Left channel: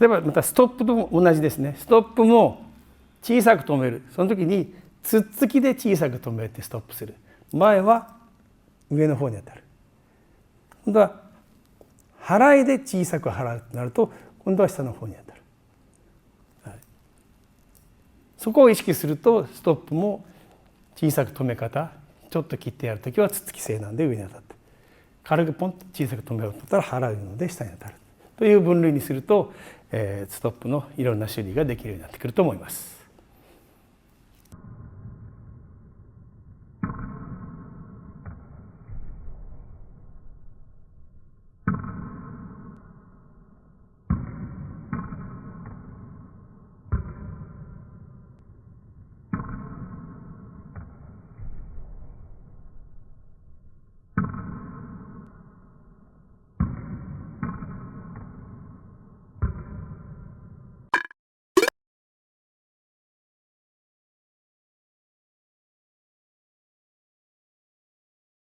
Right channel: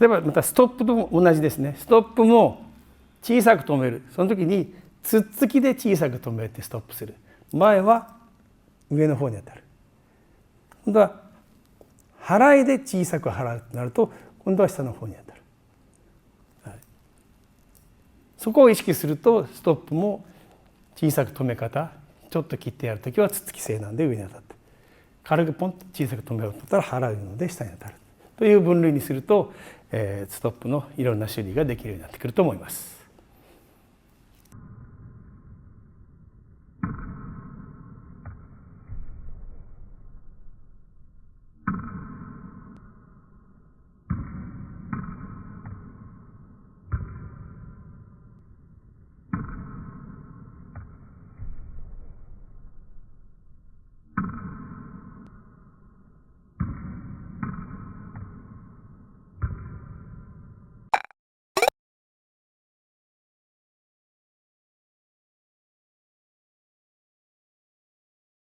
例えばまたストップとも同じですね。ストップも小さく止める。その時につっつきで小さく止めてストップする。前は上の方に当たる。今度は払いで小さく払うとなると今度は下の方に当たる。はい、そこを意識するとストップも小さく止め方、ちょっと切ってやるときはつっつき性なんで上に当たって、軽くポンと小さく止めようと思ったら払うので下に当たるという分類にすると、ストップのいろんな種類ができるようになってくると思います。